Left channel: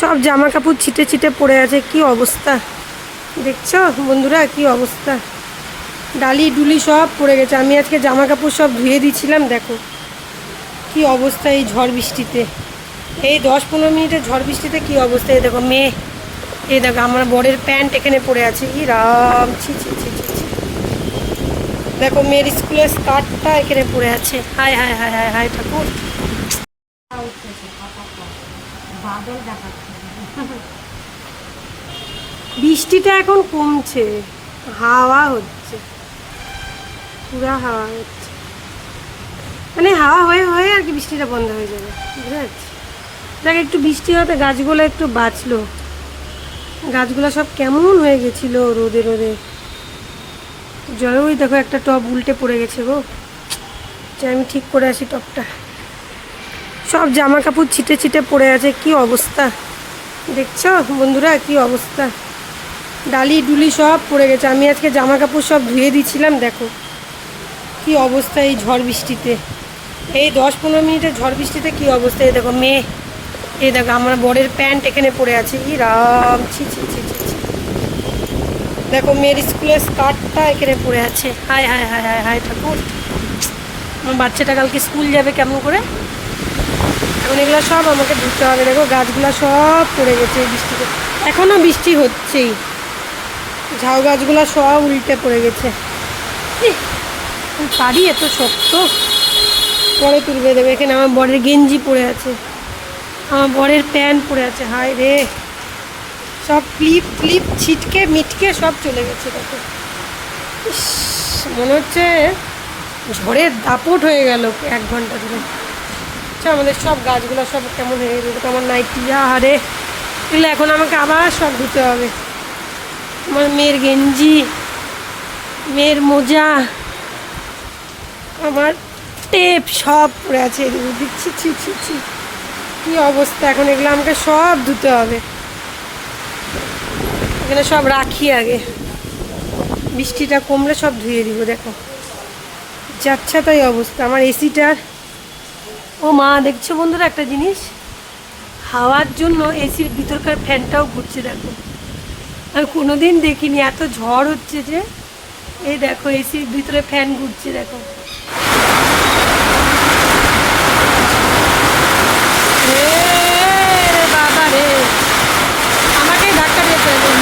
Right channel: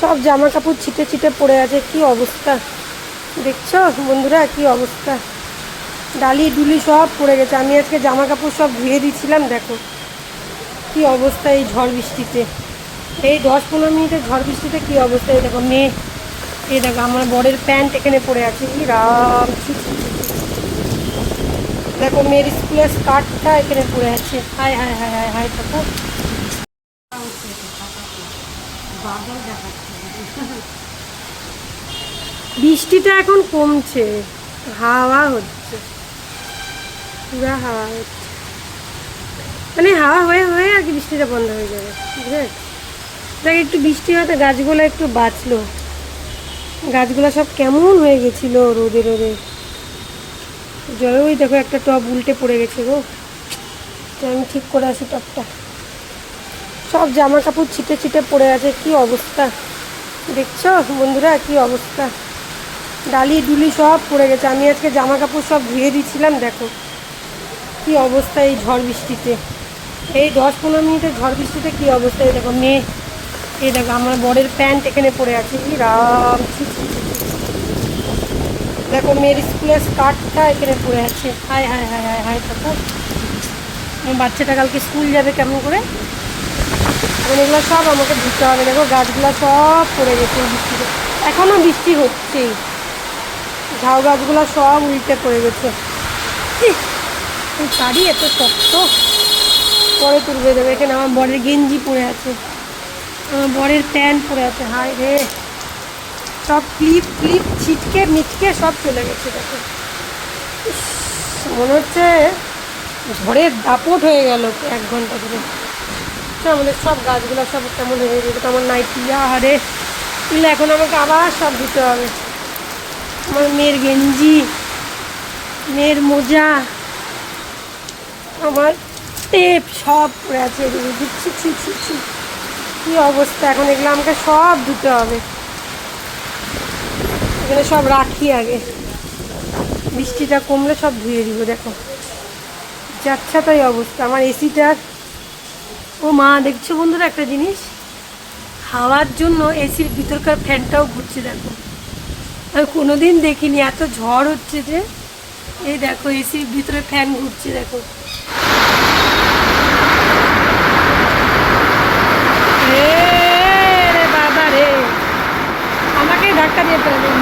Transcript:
সব জামা কাপড় ছিটে ছিটে পড়ে আছে, কি অবস্থা দেখছো বন্ধুরা, কি অবস্থা। ডালি ডুলি সব পড়ে গেছে। আমি আজকে জামা কাপড় সব ধুয়ে দিয়েছিলাম, দেখো কি অবস্থা। এই ঝড় বৃষ্টিতে, এই 10-15 মিনিটের ঝড় বৃষ্টিতে কি অবস্থা। এই দেখো মেয়ে, এই দেখো আমার বরের প্যান্ট এখানে পড়ে আছে, কি রাম, ছি ছি ছি ছি ছি। দেখো মেয়ের স্কুলের স্কার্টটা এখানে পড়ে আছে, হায় হায় হায় হায় হায় ঠাকুর। বৃষ্টিটা এখন কমছে, হাওয়া হচ্ছে, পুরা হাওয়া হচ্ছে, মানে হাওয়া হয়ে হয়ে আর কি বৃষ্টিটা বন্ধ হয়ে যাবে, বুঝতে পারছি। দেখ একটু বৃষ্টি হতে গাছগুলো একটু বাঁচলো, গাছগুলো সব কেমন হয়ে গেছিলো রোদে রোদে। জয়, ওই দেখো একটা টব উল্টে পড়ে গেছে গো, আমি ঠিক করে আসি টবটা। সব জামা কাপড় ছিটে ছিটে পড়ে আছে, কি অবস্থা দেখছো বন্ধুরা, কি অবস্থা। ডালি ডুলি সব পড়ে গেছে। আমি আজকে জামা কাপড় সব ধুয়ে দিয়েছিলাম, দেখো কি অবস্থা। এই ঝড় বৃষ্টিতে, এই 10-15 মিনিটের ঝড় বৃষ্টিতে কি অবস্থা। এই দেখো মেয়ে, এই দেখো আমার বরের প্যান্ট এখানে পড়ে আছে, কি রাম, ছি ছি ছি ছি ছি। দেখো মেয়ের স্কুলের স্কার্টটা এখানে পড়ে আছে, হায় হায় হায় হায় হায় ঠাকুর। আমার বাচ্চাটা কালকে স্কুল যাবে কেমন করে, এখন এগুলো সব আমাকে ধুতে হবে। দেখো গাছগুলো সব পড়ে গেছে এই বৃষ্টিতে, এখনও বৃষ্টি হচ্ছেই। ঝাউ গাছগুলো সব উল্টে পড়ে গেছে। শাড়ি এত শক্ত, পরে তুলবে দেবে। এখানে আমার বরের গেঞ্জি পরে আছে, আমার বরের প্যান্ট পরে আছে, হায় রে সব ক্লিপ ক্লিপ ছিটকে মিটকে সব চলে গেছে। দেখো মনে হচ্ছে ঝড়ের দাপট হয়ে গেল 1 ঘন্টা ধরে। আমাদের সব গাছগুলো সব কেমন হয়ে গেছে। তো আমার নাইটিয়া, আরে এগুলো এখন আমাকে আবার সব ধুতে হবে। আমার মেয়ের গেঞ্জি, মেয়ের মোজা, আমার টেপ সব পড়ে আছে, দিচ্ছি ছি ছি ছি, কী অবস্থা। এখন এগুলো আমাকে সব ধুতে হবে, এখানে সব রাখি আগে, বৃষ্টিটা কমলে সব ধুয়ে দিব। দেখো যাচ্ছা তাই অবস্থা আমার এসিটার। ও মা, দেখছো বন্ধুরা একটা জিনিস, হাওয়ার জন্য এসির ভিতরকার ফ্যানটাও ঘুরছে। দেখো আমি কোনোদিন দেখিনি, এত ঝড় হচ্ছে যে এই দেখো এসির ভিতরে ফ্যান ঘুরছে। দেখো রে বাবা রে, আমাকেই ধাক্কা দিয়ে ফেলবেন।